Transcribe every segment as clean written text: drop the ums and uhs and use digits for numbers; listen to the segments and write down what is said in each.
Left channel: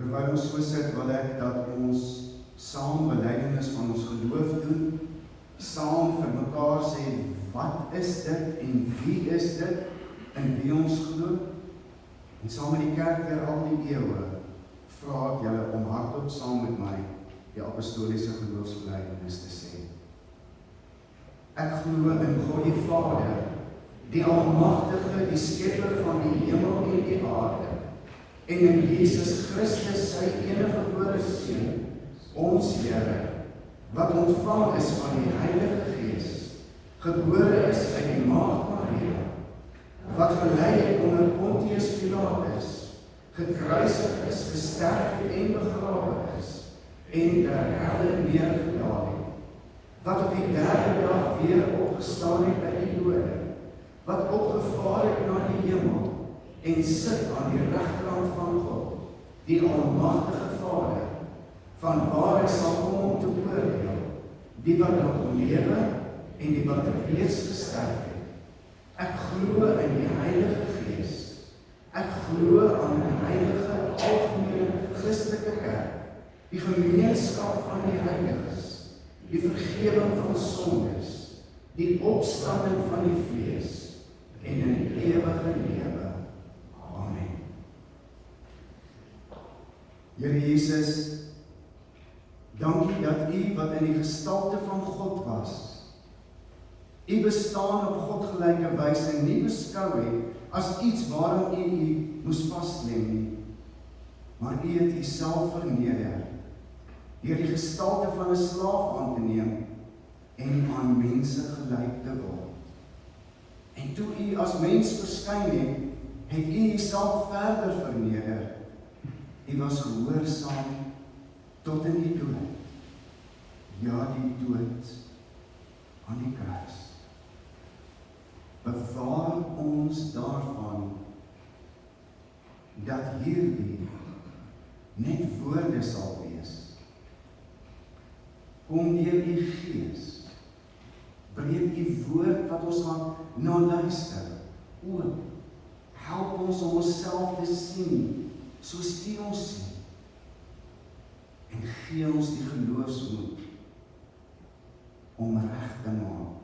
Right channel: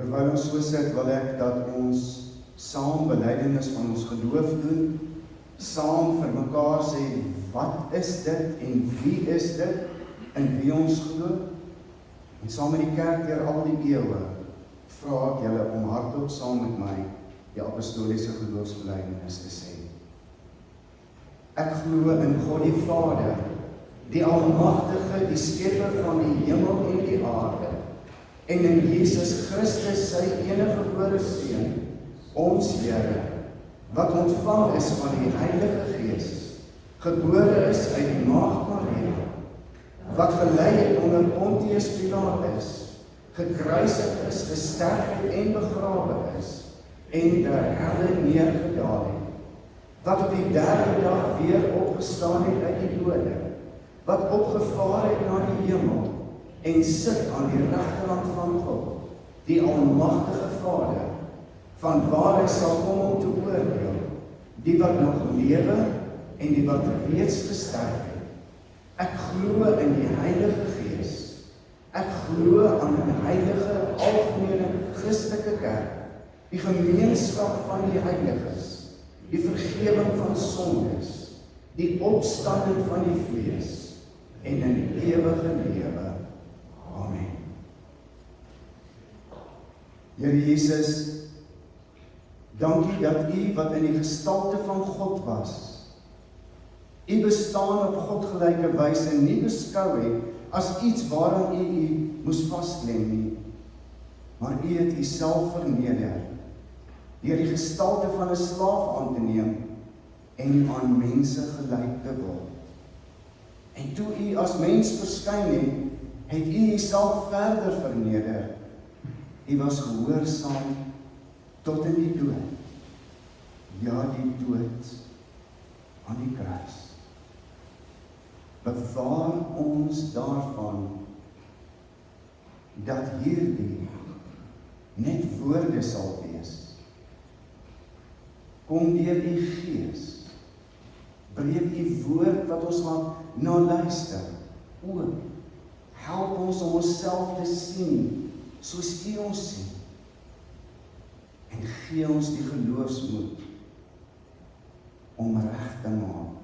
Terwyl ons so sit, wil ek dat ons saam belydenis van ons geloof doen, saam vir mekaar sê, wat is dit en wie is dit, in wie ons glo, en saam met die kerk deur al die eeue, vra ek julle om hardop saam met my die apostoliese geloofsbelydenis te sê. Ek glo in God die Vader, die Almagtige, die Skepper van die hemel en die aarde, en in Jesus Christus sy eniggebore Seun, ons Here, wat ontvang is van die Heilige Gees, gebore is uit die maagd Maria, wat gelei het onder Pontius Pilatus, gekruisig is, gesterf het en begrawe is, en ter helle neergedaal het, wat op die derde dag weer opgestaan het uit die dode, wat opgevaar het na die hemel, en sit aan die regterhand van God, die Almagtige Vader, van waar hy sal kom om te oordeel, die wat nog lewe en die wat reeds gesterf het. Ek glo in die Heilige Gees. Ek glo aan 'n heilige, algemene Christelike kerk, die gemeenskap van die heiliges, die vergewing van sondes, die opstanding van die vlees en 'n ewige lewe. Amen. Here Jesus, dankie dat U wat in die gestalte van God was, U bestaan op godgelyke wyse nie beskou het as iets waaraan U moes vasklem nie, maar U het U self verneder, deur die gestalte van 'n slaaf aan te neem en aan mense gelyk te word. En toe U as mens verskyn het U Uself verder verneder. U was gehoorsaam tot in die dood. Ja, die dood aan die kruis. Bewaar ons daarvan dat hierdie net woorde sal wees. Kom deur U Gees, breek U woord wat ons gaan na luister, oop. Help ons om onsself te sien, soos U ons sien. En gee ons die geloofsmoed om reg te maak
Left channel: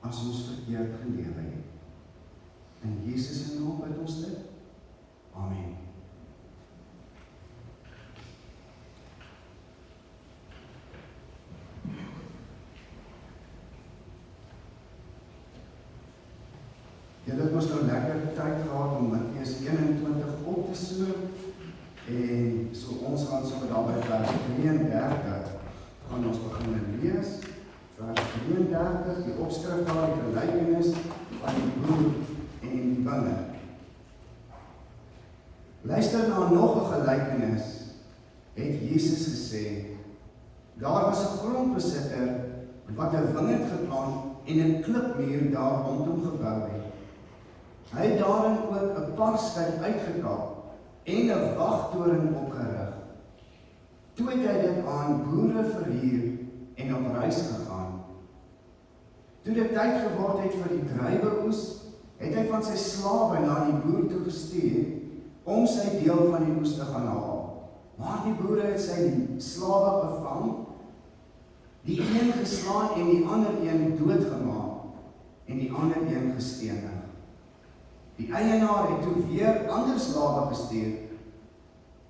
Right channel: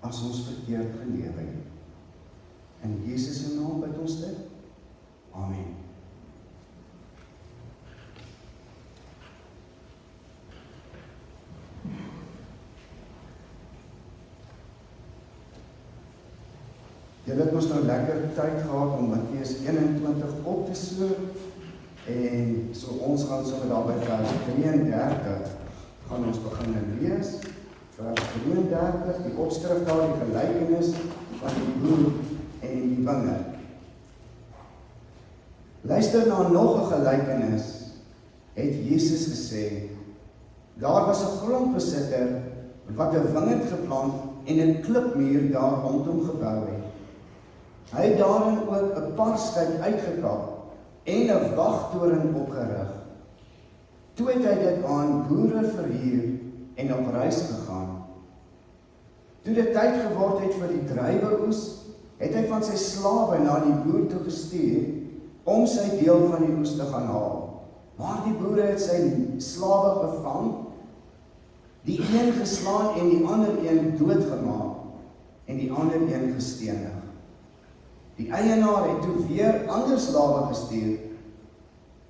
as ons verkeerd gelewe het. In Jesus se naam bid ons dit. Amen. Julle het ons nou lekker tyd gehad om Matteus 21 op te sloop, en so ons gaan sommer daar by vers 33 gaan ons begin lees. Vers 33, die opskrif daar, die gelykenis van die boer en die wingerd. Luister na nog 'n gelykenis, het Jesus gesê. Daar was 'n grondbesitter wat 'n wingerd geplant en 'n klipmuur daar rondom gebou het. Hy het daarin ook 'n parskyk uitgekap en 'n wagtoring opgerig. Toe het hy dit aan boere verhuur en op reis gegaan. Toe dit tyd geword het vir die druiweoes, het hy van sy slawe na die boer toe gestuur om sy deel van die oes te gaan haal. Maar die boere het sy slawe gevang, die een geslaan en die ander een doodgemaak en die ander een gestenig. Die eienaar het toe weer ander slawe gestuur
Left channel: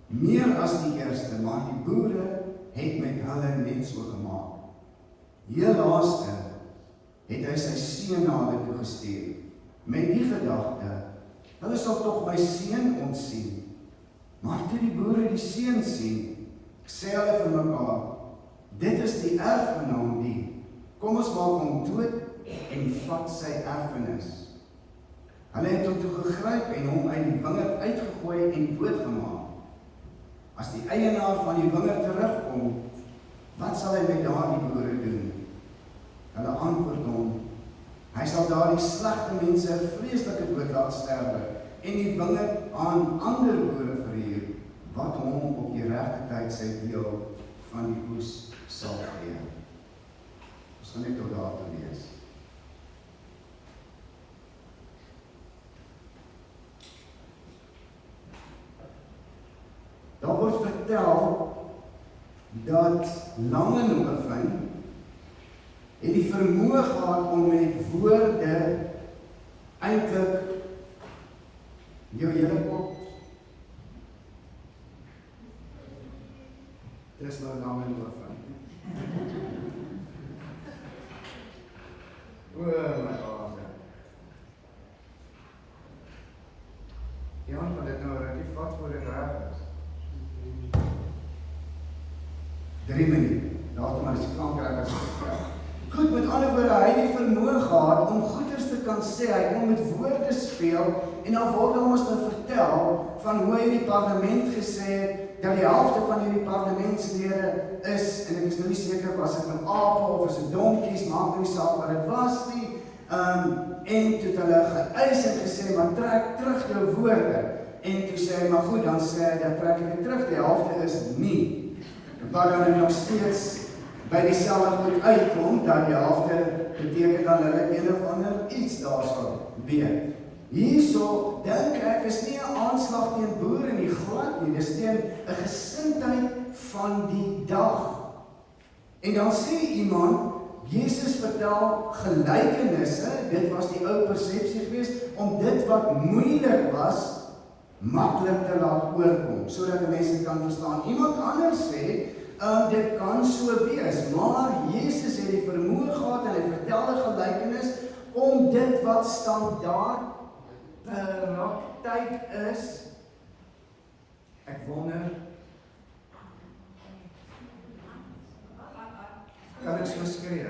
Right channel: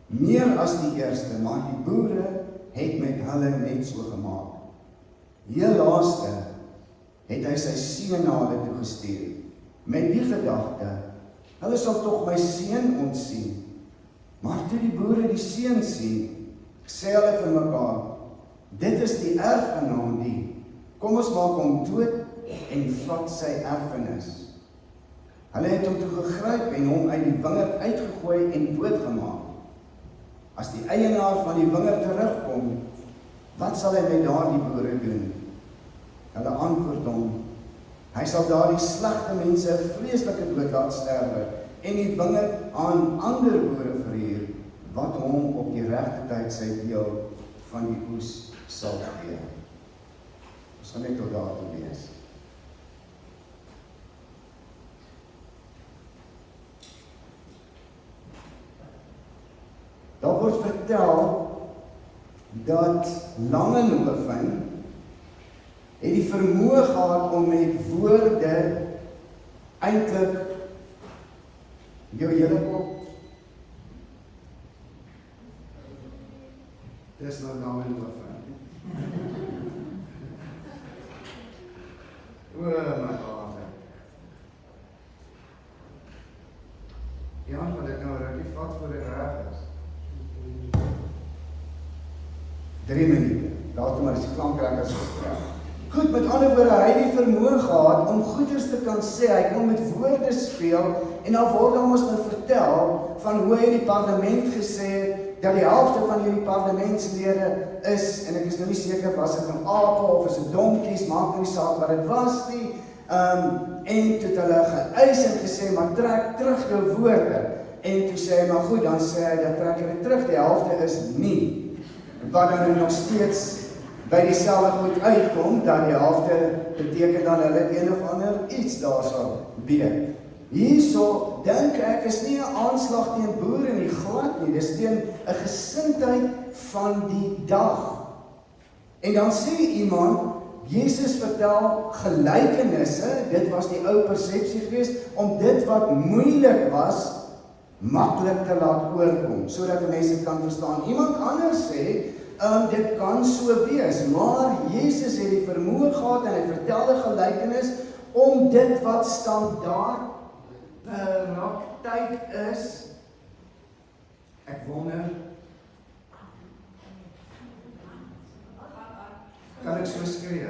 meer as die eerste, maar die boere het met hulle net so gemaak. Heel laaste het hy sy seun na hulle toe gestuur, met die gedagte, hulle sal tog my seun ontsien. Maar toe die boere die seun sien, sê hulle vir mekaar, dit is die erfgenaam die, kom ons maak hom dood en vat sy erfenis. Hulle het hom toe gegryp en hom uit die wingerd uitgegooi en doodgemaak. As die eienaar van die wingerd terugkom, wat sal hy met daardie boere doen? Hulle antwoord hom, hy sal daardie slegte mense 'n vreeslike dood laat sterwe en die wingerd aan ander boere verhuur, wat hom op die regte tyd sy deel van die oes sal gee. Ons gaan net tot daar toe lees. Daar word vertel dat Langenhoven het die vermoë gehad om met woorde eintlik jou hele kop. Dis nou Langenhoven. O my aarde. Jan, wat dit nou rukkie vat voor dit reg is. 3 minute, later maar as die klankrekkers gevraag. Goed, met ander woorde, hy het die vermoë gehad om goeders te kan sê, hy kon met woorde speel, en dan word ons nou vertel van hoe hy die parlement gesê het, dat die helfte van hierdie parlementslede is, en ek is nou nie seker, was dit nou ape of is dit donkies, maak nie saak wat dit was nie, en toe het hulle geëis en gesê, maar trek terug jou woorde, en toe sê hy, maar goed, dan sê hy, dat trek hy terug, die helfte is nie, wat dan nog steeds by dieselfde goed uitkom, dat die helfte beteken dan hulle een of ander iets daar sal weet. Hierso dink ek is nie 'n aanslag teen boere nie, glad nie, dis teen 'n gesindheid van die dag. En dan sê iemand, Jesus vertel gelykenisse, dit was die ou persepsie geweest, om dit wat moeilik was, maklik te laat oorkom, sodat mense kan verstaan. Iemand anders sê, dit kan so wees, maar Jesus het die vermoë gehad en hy vertel 'n gelykenis om dit wat standaard praktyk is. Ek wonder, kan ek so skree?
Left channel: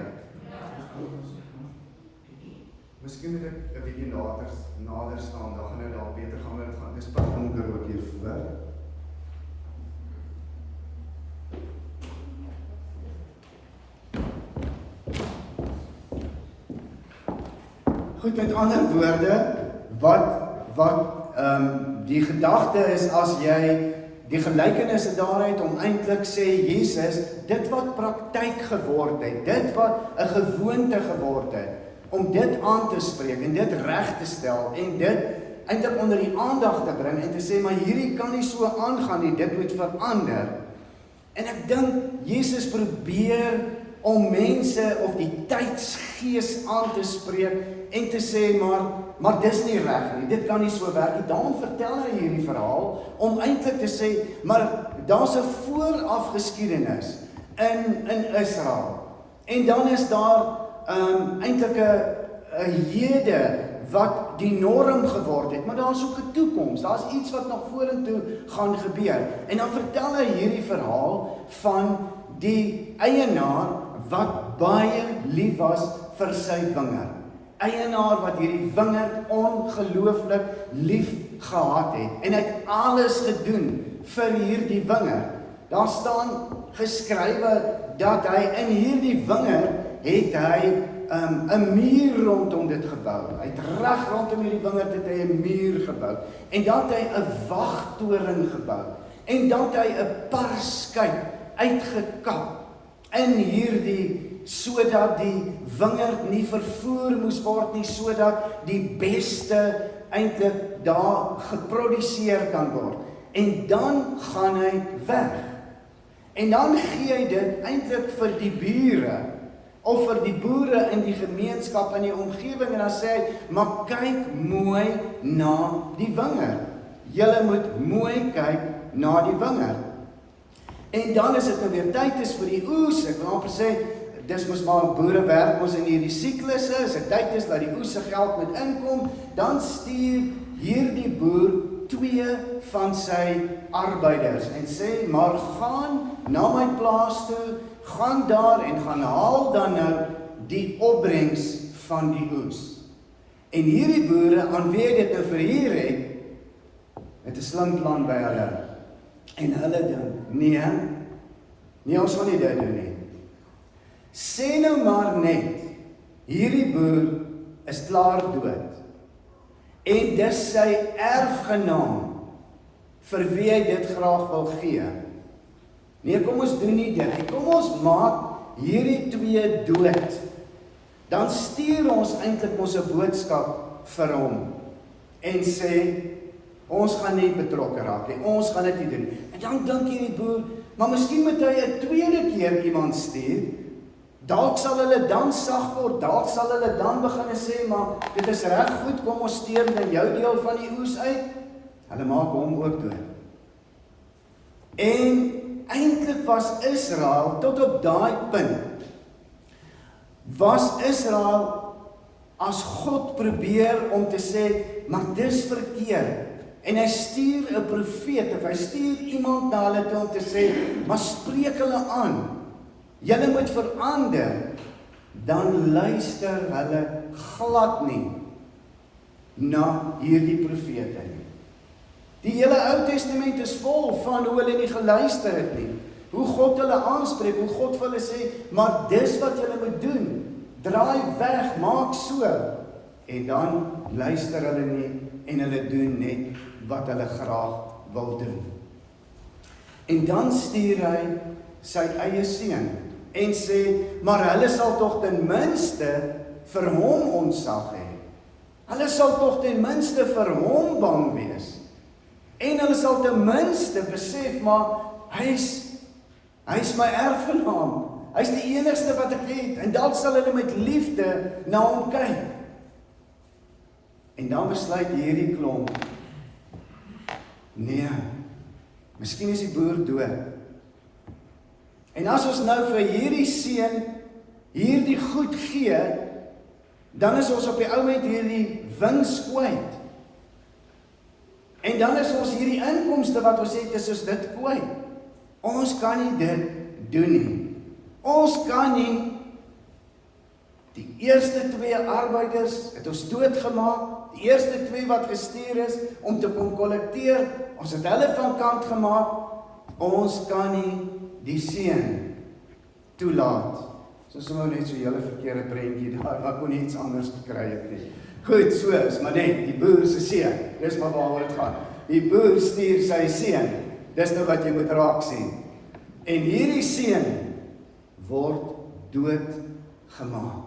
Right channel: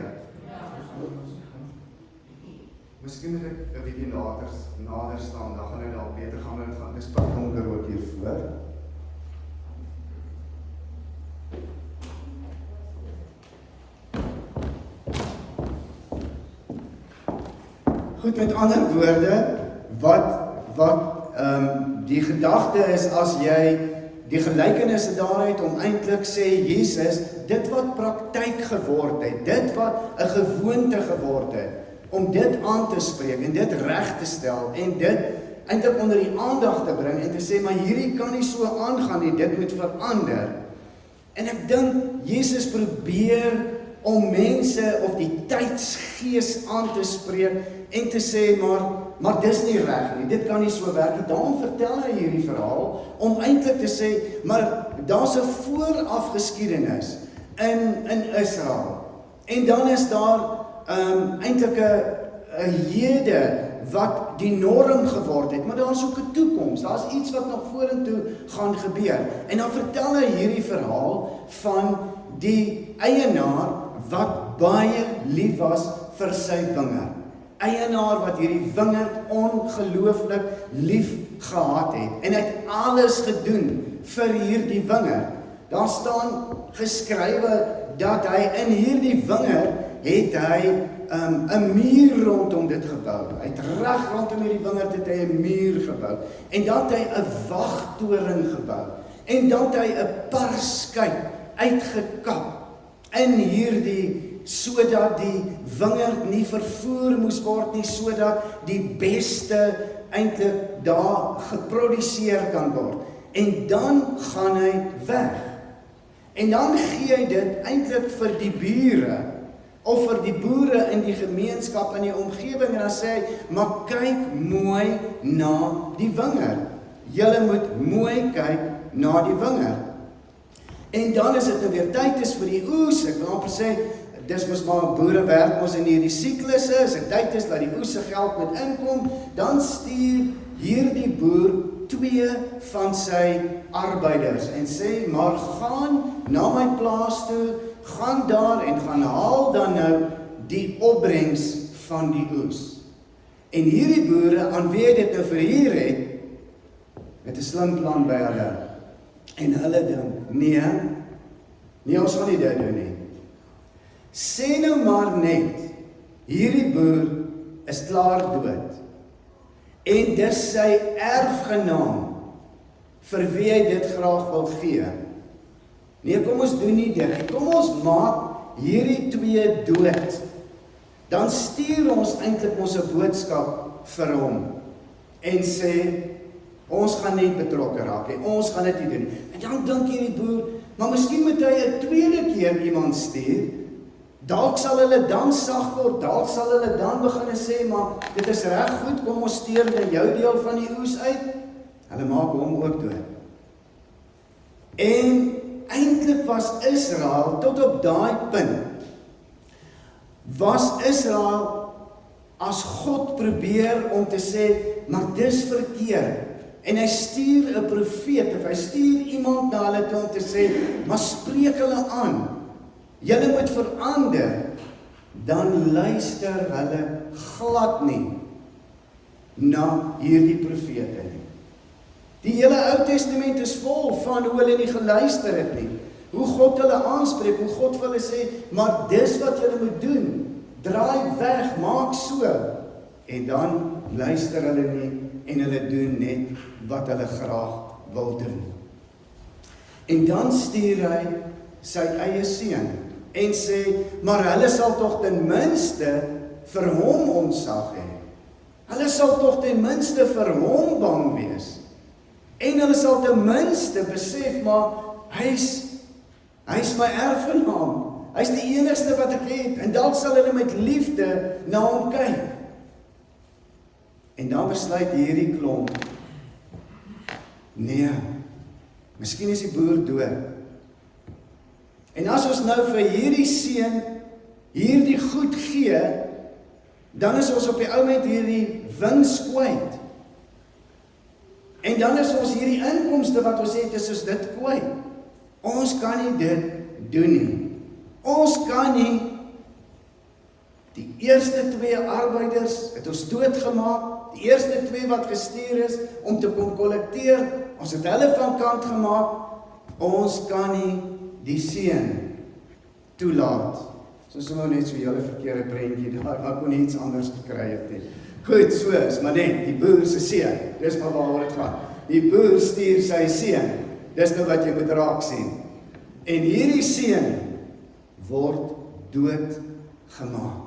Miskien moet ek 'n bietjie nader staan, dan gaan dit dalk beter gaan dit gaan. Dis pak donker ook hier voor. Goed, met ander woorde, wat die gedagte is as jy die gelykenisse daaruit om eintlik sê Jesus, dit wat praktyk geword het, dit wat 'n gewoonte geword het, om dit aan te spreek en dit reg te stel en dit eintlik onder die aandag te bring en te sê, maar hierdie kan nie so aangaan nie, dit moet verander. En ek dink Jesus probeer om mense of die tydsgees aan te spreek en te sê, maar dis nie reg nie, dit kan nie so werk nie. Daarom vertel hy hierdie verhaal, om eintlik te sê, maar daar's 'n vooraf geskiedenis in Israel. En dan is daar eintlik 'n hede wat die norm geword het, maar daar's ook 'n toekoms, daar's iets wat nog vorentoe gaan gebeur. En dan vertel hy hierdie verhaal van die eienaar wat baie lief was vir sy wingerd. Eienaar wat hierdie wingerd ongelooflik lief gehad het en het alles gedoen vir hierdie wingerd. Daar staan geskrywe dat hy in hierdie wingerd het hy 'n muur rondom dit gebou. Hy het reg rondom hierdie wingerd het hy 'n muur gebou. En dat hy 'n wagtoring gebou. En dat hy 'n parskyp uitgekap in hierdie, sodat die wingerd nie vervoer moes word nie, sodat die beste eintlik daar geproduseer kan word. En dan gaan hy weg. En dan gee hy dit eintlik vir die bure, of vir die boere in die gemeenskap, in die omgewing, en dan sê hy, maar kyk mooi na die wingerd. Julle moet mooi kyk na die wingerd. En dan is dit nou weer tyd is vir die oes. Ek wil amper sê, dis mos maar boere werk ons in hierdie siklusse, as dit tyd is dat die oes se geld moet inkom, dan stuur hierdie boer 2 van sy arbeiders en sê, maar gaan na my plaas toe, gaan daar en gaan haal dan nou die opbrengs van die oes. En hierdie boere, aan wie ek dit nou verhuur het 'n slim plan by hulle. En hulle dan, nee, ons gaan nie dit doen nie. Sê nou maar net, hierdie boer is klaar dood. En dis sy erfgenaam, vir wie hy dit graag wil gee. Nee, kom ons doen nie dit. Kom ons maak hierdie 2 dood. Dan stuur ons eintlik ons 'n boodskap vir hom. En sê, ons gaan nie betrokke raak nie, ons gaan dit nie doen. En dan dink jy die boer, maar miskien moet hy 'n tweede keer iemand stuur. Dalk sal hulle dan sag word, dalk sal hulle dan begin sê, maar dit is reg goed, kom ons steur dan jou deel van die oes uit. Hulle maak hom ook dood. En eintlik was Israel, tot op daai punt, was Israel as God probeer om te sê, maar dis verkeerd. En hy stuur 'n profeet, of hy stuur iemand na hulle toe om te sê, maar spreek hulle aan. Julle moet verander, dan luister hulle glad nie na hierdie profete nie. Die hele Ou Testament is vol van hoe hulle nie geluister het nie, hoe God hulle aanspreek, hoe God vir hulle sê, maar dis wat julle moet doen, draai weg, maak so, en dan luister hulle nie, en hulle doen net wat hulle graag wil doen. En dan stuur hy sy eie seun, en sê, maar hulle sal tog ten minste vir hom ontsag hê. Hulle sal tog ten minste vir hom bang wees. En hulle sal ten minste besef, maar hy's my erfgenaam. Hy's die enigste wat ek het, en dalk sal hulle met liefde na hom kyk. En dan besluit hierdie klomp, nee, miskien is die boer dood. En as ons nou vir hierdie seun hierdie goed gee, dan is ons op die oomblik hierdie wins kwyt. En dan is ons hierdie inkomste wat ons het, is ons dit kwyt. Ons kan nie dit doen nie. Ons kan nie die eerste 2 arbeiders het ons doodgemaak, die eerste 2 wat gestuur is om te kom kollekteer, ons het hulle van kant gemaak, ons kan nie die seun toelaat. Soos nou net so hele verkeerde prentjie daar, wat kon nie iets anders gekry het nie. Goed, so is, maar net, die boer se seun, dis maar waaroor dit gaan. Die boer stuur sy seun, dis nou wat jy moet raak sien. En hierdie seun word dood gemaak.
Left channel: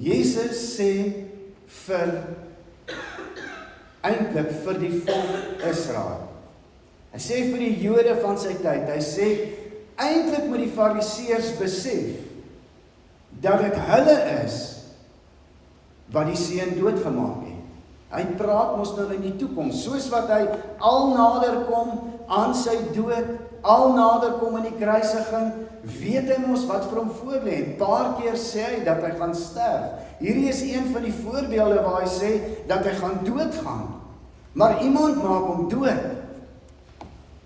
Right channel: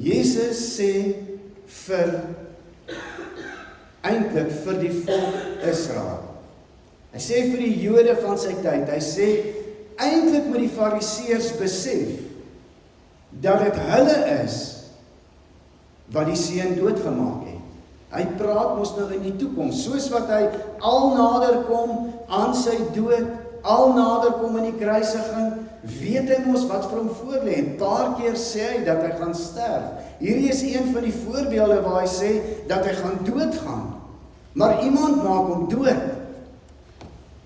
Jesus sê eintlik vir die volk Israel. Hy sê vir die Jode van sy tyd, hy sê eintlik moet die Fariseërs besef dat dit hulle is wat die seun doodgemaak het. Hy praat mos nou in die toekoms, soos wat hy al nader kom aan sy dood, al nader kom in die kruisiging, weet hy mos wat vir hom voorlê. 'n Paar keer sê hy dat hy gaan sterf. Hierdie is een van die voorbeelde waar hy sê dat hy gaan doodgaan. Maar iemand maak hom dood.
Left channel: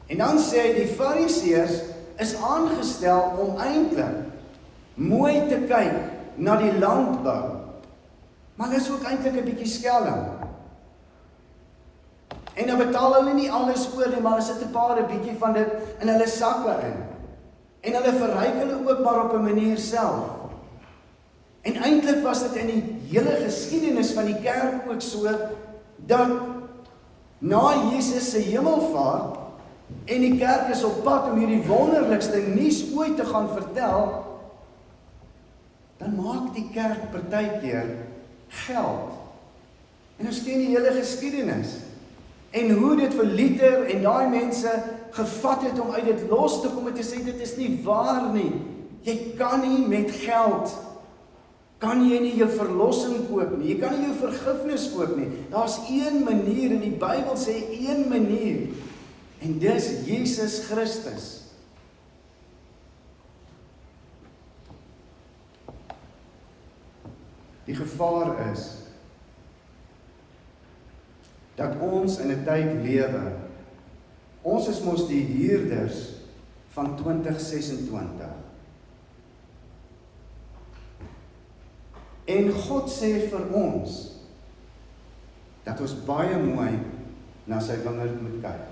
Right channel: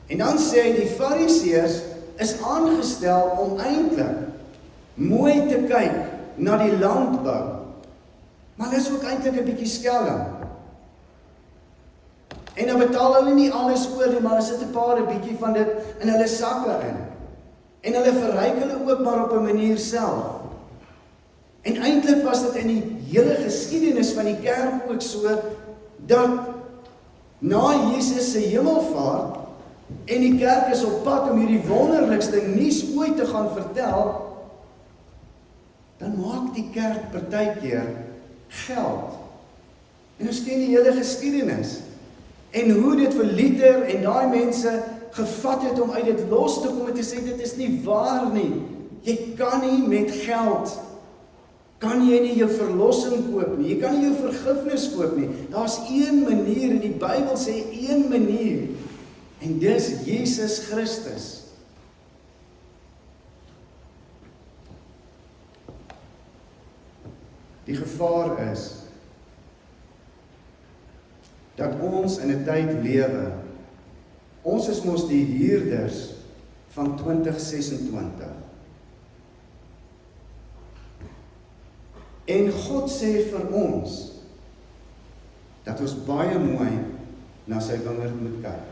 En dan sê hy die Fariseërs is aangestel om eintlik mooi te kyk na die landbou. Maar dit is ook eintlik 'n bietjie skelm. En dan betaal hulle nie alles oor nie, maar hulle sit 'n paar 'n bietjie van dit in hulle sakke in. En hulle verryk hulle ook maar op 'n manier self. En eintlik was dit in die hele geskiedenis van die kerk ook so, dat na Jesus se hemelvaart, en die kerk is op pad om hierdie wonderlikste nuus ooit te gaan vertel, dan maak die kerk partykeer geld. En ons ken die hele geskiedenis. En hoe dit vir Luther en daai mense gevat het om uit dit los te kom en te sê, dit is nie waar nie. Jy kan nie met geld kan jy nie jou verlossing koop nie, jy kan nie jou vergifnis koop nie. Daar's een manier, en die Bybel sê een manier, en dis Jesus Christus. Die gevaar is, dat ons in 'n tyd lewe, ons is mos die huurders van 2026. En God sê vir ons, dat ons baie mooi na sy wingerd moet kyk.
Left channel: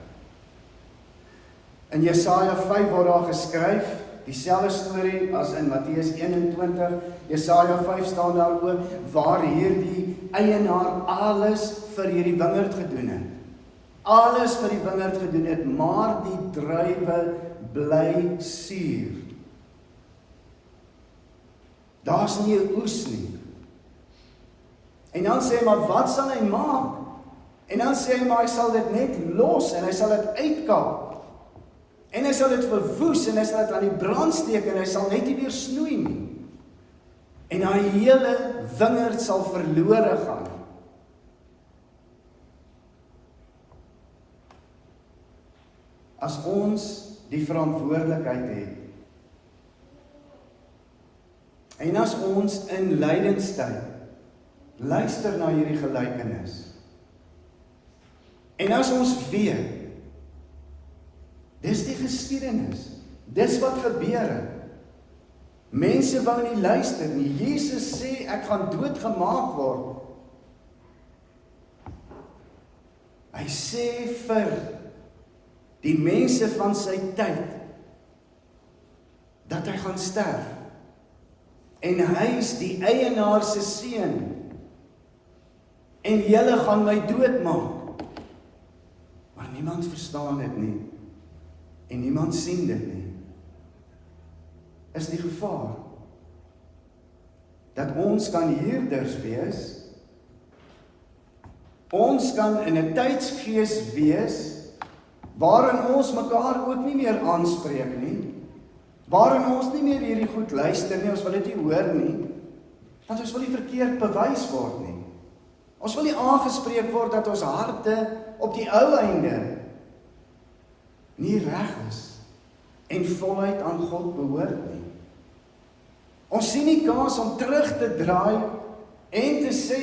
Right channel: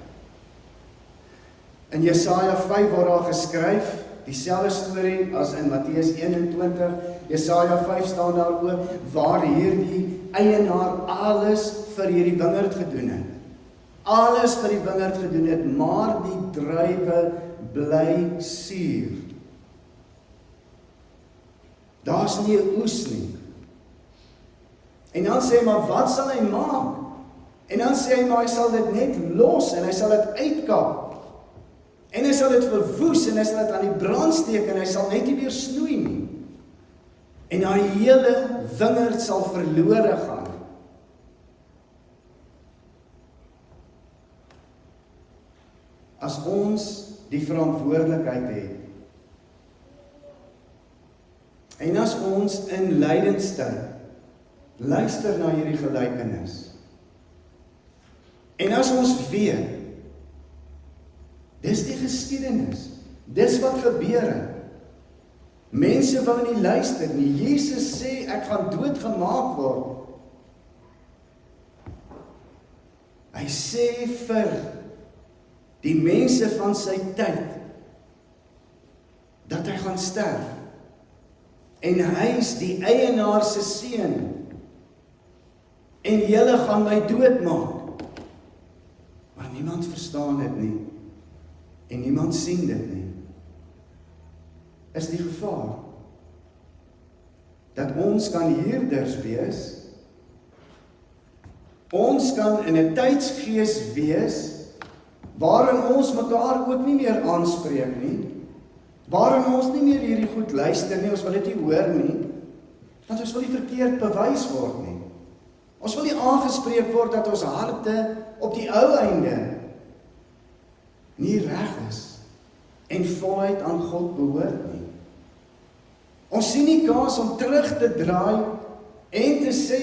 In Jesaja 5 word daar geskryf, dieselfde storie as in Matteus 21, Jesaja 5 staan daar ook, waar hierdie eienaar alles vir hierdie wingerd gedoen het. Alles vir die wingerd gedoen het, maar die druiwe bly suur. Daar's nie 'n oes nie. En dan sê hy, maar wat sal hy maak? En dan sê hy, maar hy sal dit net los, en hy sal dit uitkap. En hy sal dit verwoes, en hy sal dit aan die brand steek, en hy sal net nie weer snoei nie. En die hele wingerd sal verlore gaan. As ons die verantwoordelikheid het, en as ons in lydenstyd luister na hierdie gelykenis, en as ons weet, dis die geskiedenis, dis wat gebeur het, mense wil nie luister nie, Jesus sê, ek gaan doodgemaak word, hy sê vir die mense van sy tyd, dat hy gaan sterf, en hy is die eienaar se seun, en julle gaan my doodmaak, maar niemand verstaan dit nie, en niemand sien dit nie, is die gevaar, dat ons kan huurders wees, ons kan in 'n tydsgees wees, waarin ons mekaar ook nie meer aanspreek nie, waarin ons nie meer hierdie goed luister nie, ons wil dit nie hoor nie, want ons wil nie verkeerd bewys word nie. Ons wil nie aangespreek word dat ons harte op die ou einde nie reg is en voluit aan God behoort nie. Ons sien nie kans om terug te draai en te sê,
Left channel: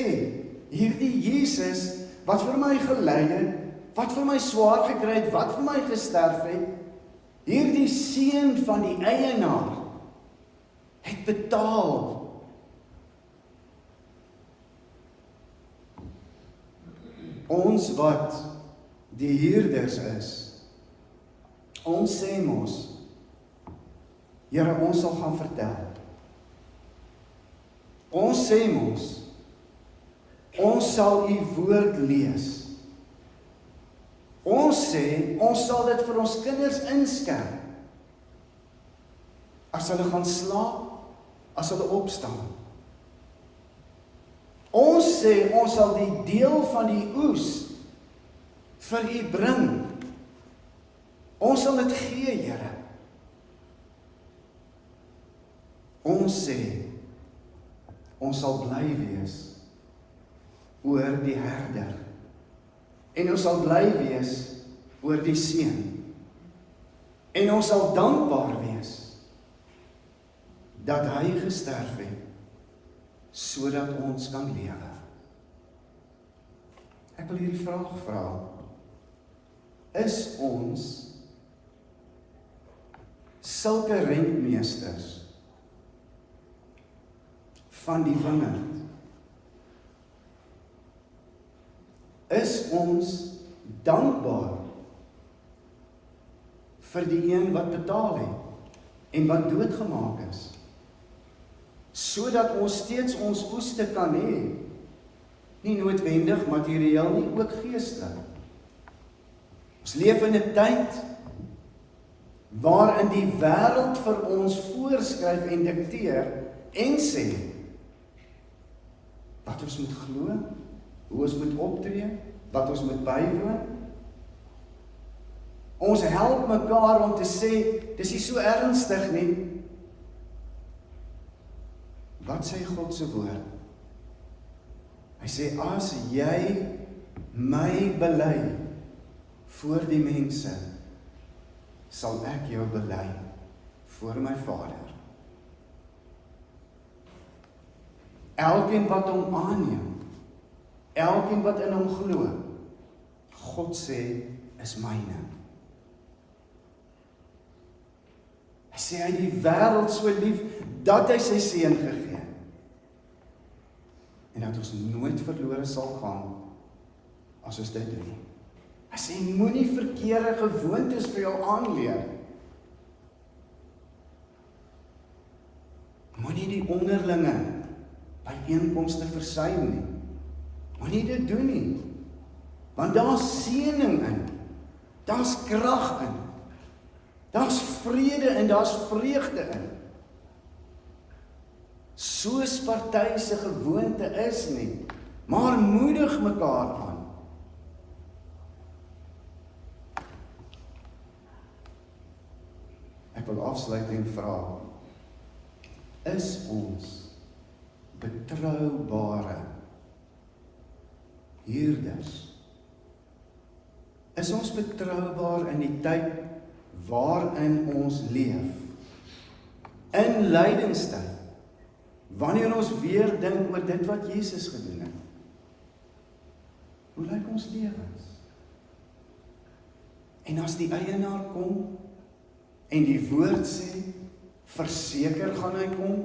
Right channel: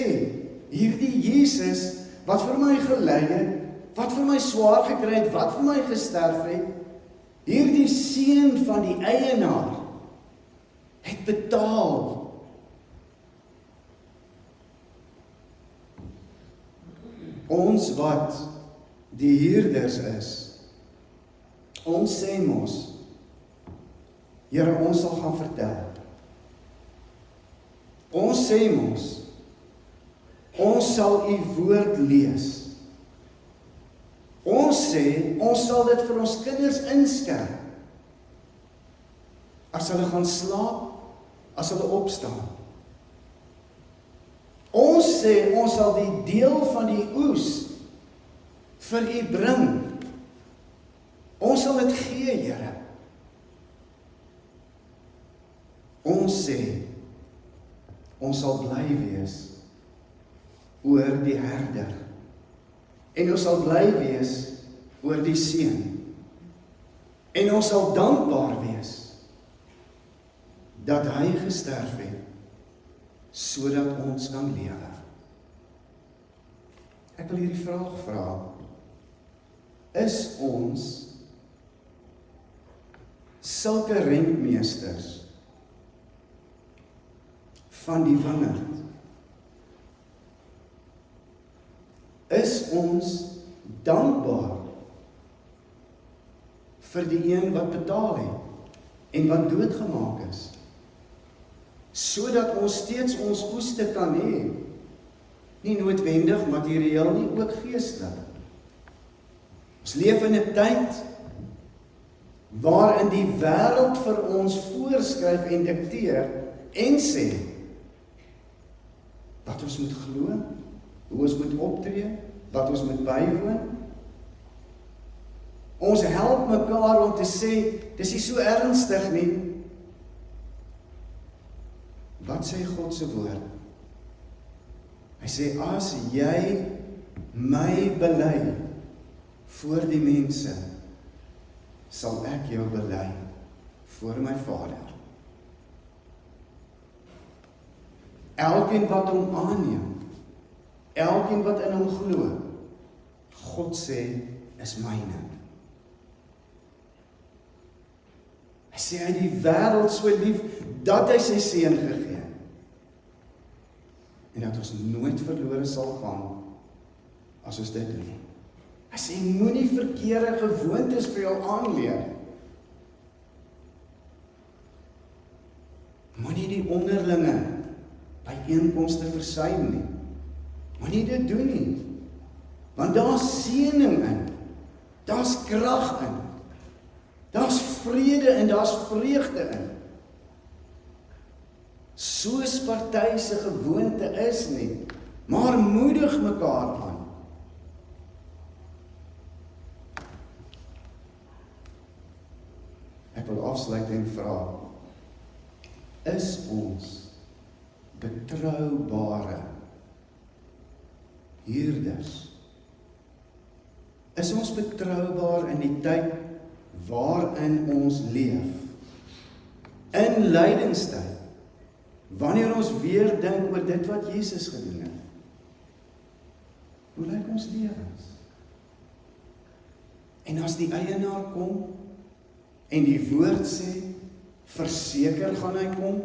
hierdie Jesus wat vir my gelei het, wat vir my swaar gekry het, wat vir my gesterf het, hierdie seun van die eienaar het betaal. Ons wat die huurders is, ons sê mos, Here, ons sal gaan vertel. Ons sê mos, ons sal u woord lees. Ons sê, ons sal dit vir ons kinders inskerp. As hulle gaan slaap, as hulle opstaan. Ons sê, ons sal die deel van die oes vir u bring. Ons sal dit gee, Here. Ons sê, ons sal bly wees oor die herder. En ons sal bly wees oor die seun. En ons sal dankbaar wees dat hy gesterf het, sodat ons kan lewe. Ek wil hierdie vraag vra. Is ons sulke rentmeesters van die wingerd? Is ons dankbaar vir die een wat betaal het en wat doodgemaak is, sodat ons steeds ons oeste kan hê, nie noodwendig materieel nie, ook geestelik. Ons leef in 'n tyd waarin die wêreld vir ons voorskryf en dikteer en sê wat ons moet glo, hoe ons moet optree, wat ons moet bywoon. Ons help mekaar om te sê, dis nie so ernstig nie. Wat sê God se woord? Hy sê, as jy my bely voor die mense, sal ek jou bely voor my Vader. Elkeen wat hom aanneem, elkeen wat in hom glo, God sê, is myne. Hy sê, hy het die wêreld so lief, dat hy sy seun gegee, en dat ons nooit verlore sal gaan, as ons dit doen. Hy sê, moenie verkeerde gewoontes vir jou aanleer. Moenie die onderlinge byeenkomste versuim nie. Moenie dit doen nie. Want daar's seëning in. Daar's krag in. Daar's vrede en daar's vreugde in. Soos party se gewoonte is nie, maar moedig mekaar aan. Ek wil afsluit en vra, is ons betroubare huurders? Is ons betroubaar in die tyd waarin ons leef? In lydingstyd, wanneer ons weer dink oor dit wat Jesus gedoen het. Hoe lyk ons lewens? En as die eienaar kom en die woord sê, verseker gaan hy kom,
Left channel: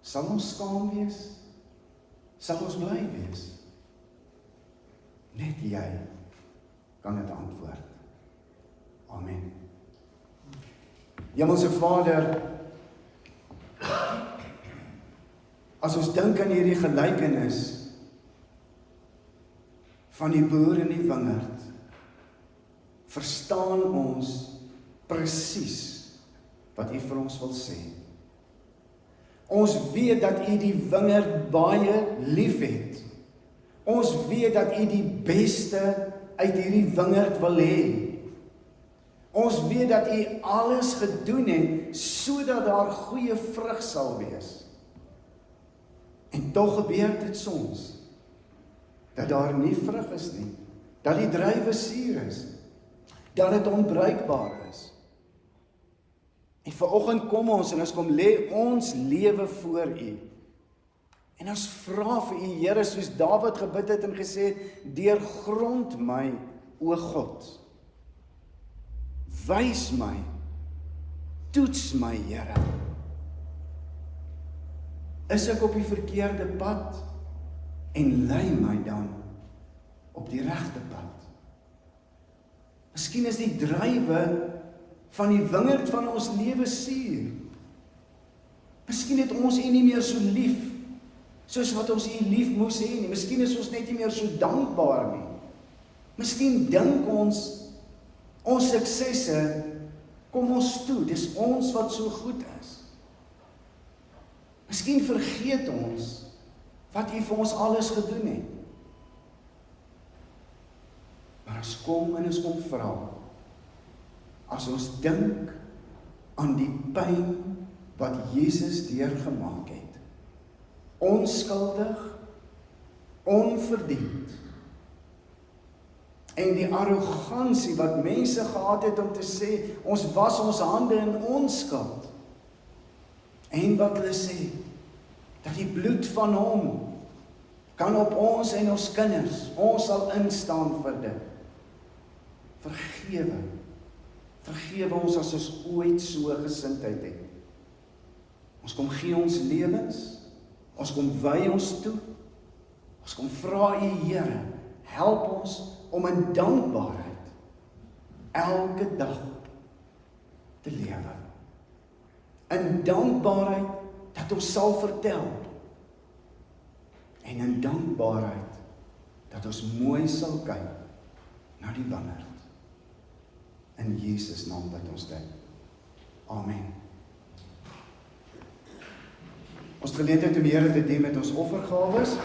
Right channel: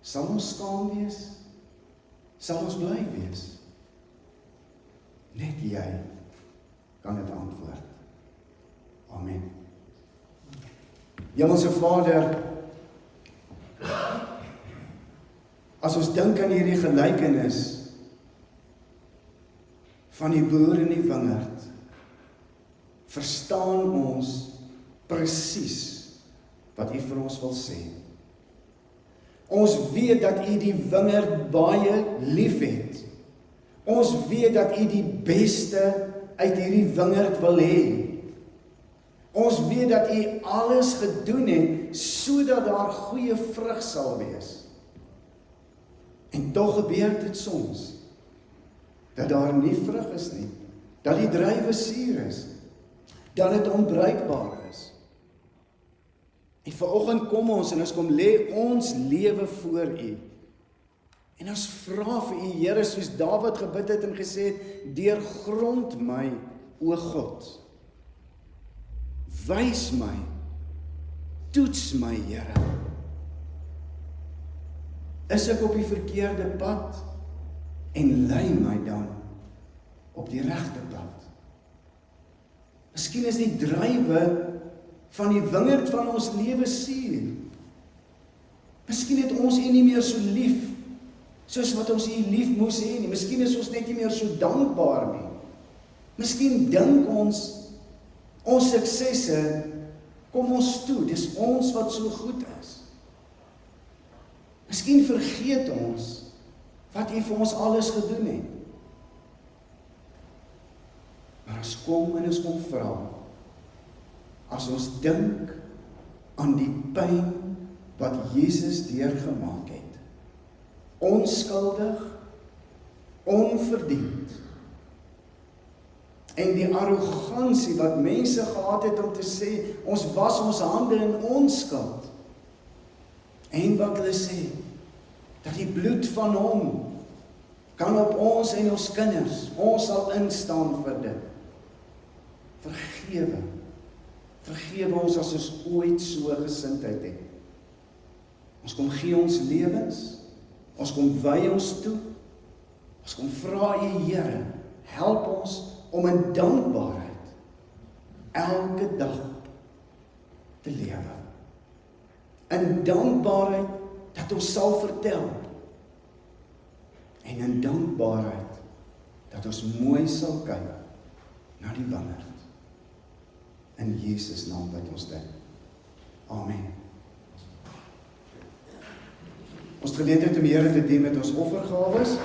sal ons skaam wees? Sal ons bly wees? Net jy kan dit antwoord. Amen. Hemelse Vader, as ons dink aan hierdie gelykenis van die boer in die wingerd, verstaan ons presies wat U vir ons wil sê. Ons weet dat U die wingerd baie lief het. Ons weet dat U die beste uit hierdie wingerd wil hê. Ons weet dat U alles gedoen het sodat daar goeie vrug sal wees. En tog gebeur dit soms dat daar nie vrug is nie, dat die druiwe suur is, dat dit onbruikbaar is. En vanoggend kom ons en ons kom lê ons lewe voor U. En ons vra vir U, Here, soos Dawid gebid het en gesê het, deurgrond my, o God. Wys my, toets my, Here. Is ek op die verkeerde pad en lei my dan op die regte pad? Miskien is die druiwe van die wingerd van ons lewe suur. Miskien het ons U nie meer so lief soos wat ons U lief moes hê nie. Miskien is ons net nie meer so dankbaar nie. Miskien dink ons suksesse kom ons toe, dis ons wat so goed is. Miskien vergeet ons wat U vir ons alles gedoen het. Maar as kom en ons kom vra, as ons dink aan die pyn wat Jesus deurgemaak het, onskuldig, onverdiend, en die arrogansie wat mense gehad het om te sê, ons was ons hande in onskuld, en wat hulle sê, dat die bloed van hom kan op ons en ons kinders, ons sal instaan vir dit. Vergewe ons as ons ooit so gesindheid het. Ons kom gee ons lewens, ons kom wy ons toe, ons kom vra U, Here, help ons om in dankbaarheid elke dag te lewe. In dankbaarheid dat ons sal vertel, en in dankbaarheid dat ons mooi sal kyk na die wingerd. In Jesus naam bid ons dit. Amen. Ons geleentheid om die Here te dien met ons offergawes.